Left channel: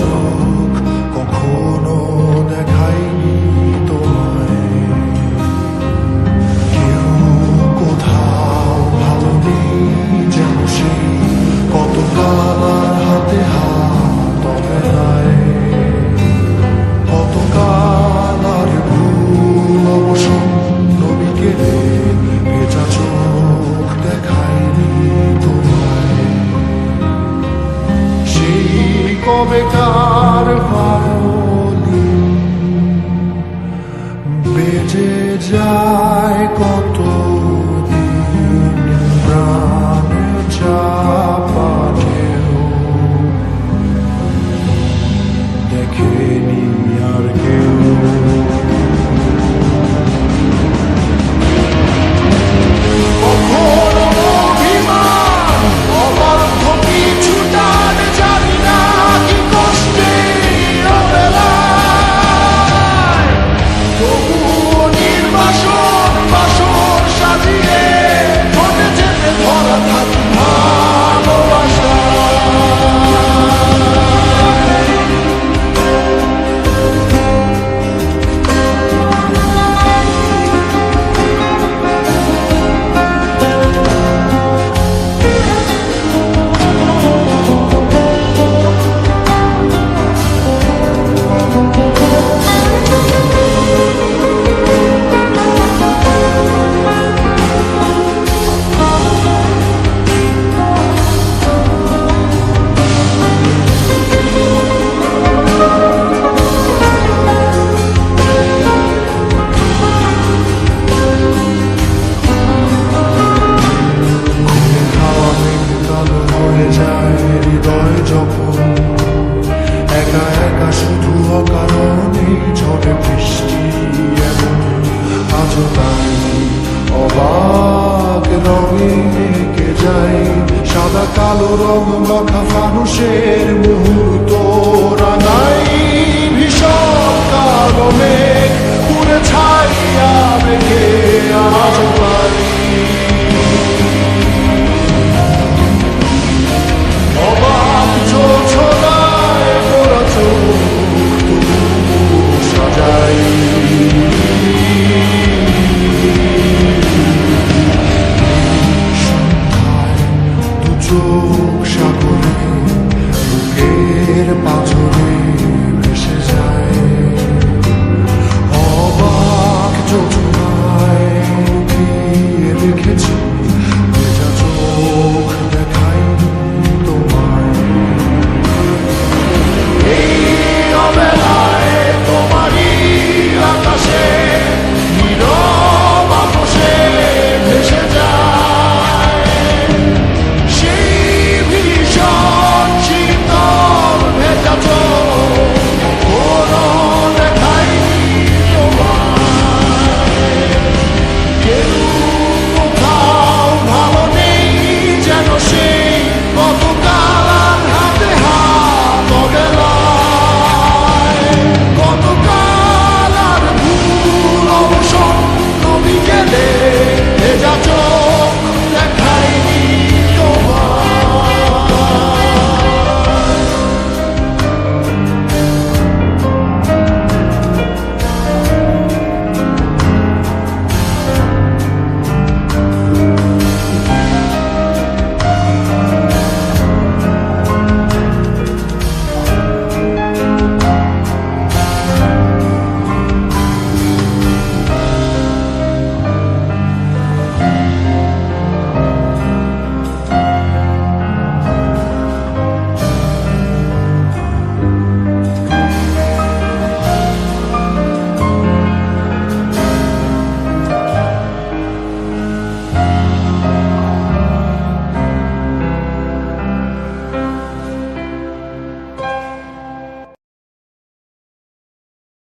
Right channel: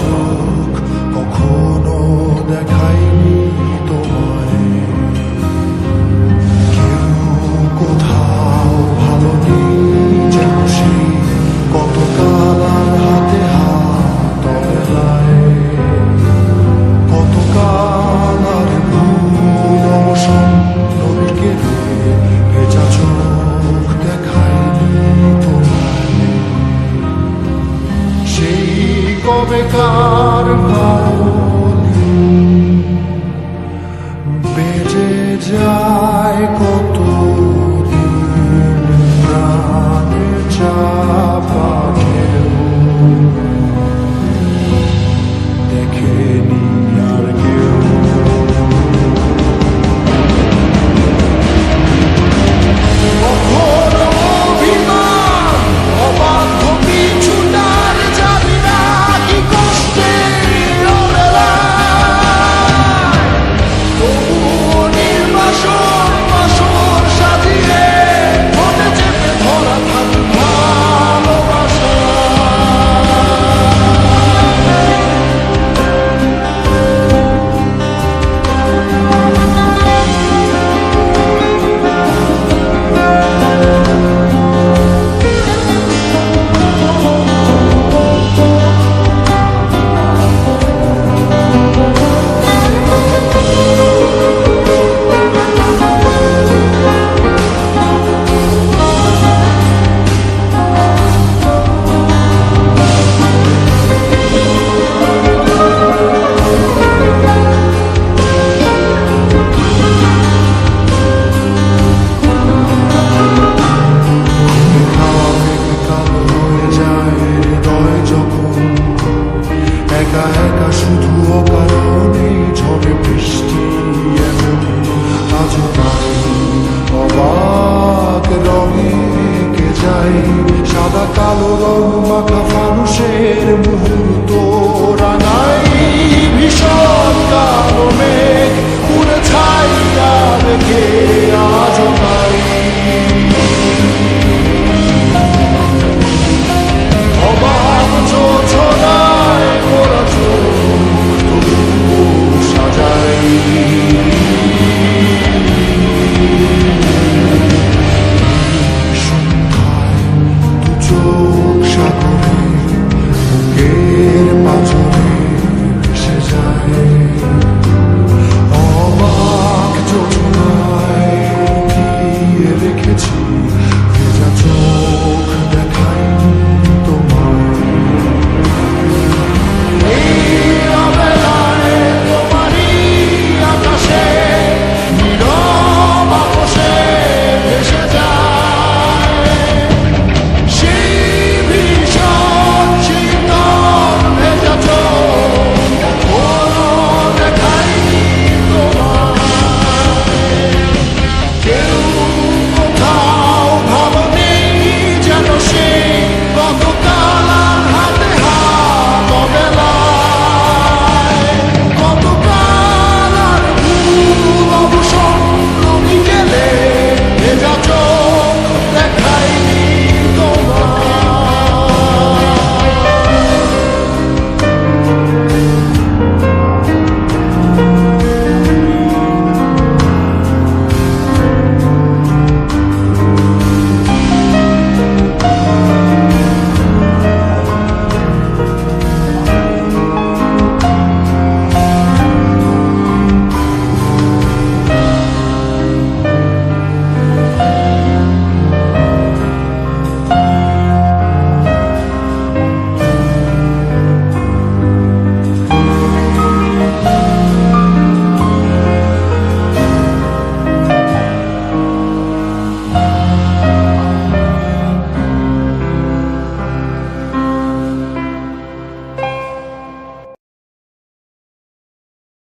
চোখ কখনো দেখায়নি তোমায়। কেউ কোথাও ভালো নেই যেন সেই কতকাল আর হাতে হাত অবেলায়, কতকাল আর ভুল অবসন্ন বিকেলে ভেজা চোখ দেখায়নি তোমায়। সেই কবেকার ভায়োলিন বেজে যায় কত দিন প্রাণে চাপা ঢেউ, দেখেনি আর কেউ। কখনো অভিমান অবাধ্য পিছুটান, জানি না কি কষ্টে অবেলায়, তবুও নির্বাসন বাসর সাজিয়ে ঠোঁটে চেপে ধরা থাক ভালোবাসা। যখন একা একা শুধু অকারণে ঝড়ে বৃষ্টি এমন, আজও তাই অবাক রঙে এঁকে যায় সাদা কালো রং মাখা ফানুষের মুহূর্ত রাঙাই। ভীষণ কালো মেঘ পুরে ছাইয়া রেখে আজও তাই অবাক জোছনায় মোরা চোখ তবু সাজাই। সন্ধ্যায় দু চোখ সাগরে বুকের পাঁজরে ভেসে যায়, অবাক জোছনায় লুকিয়ে রেখেছি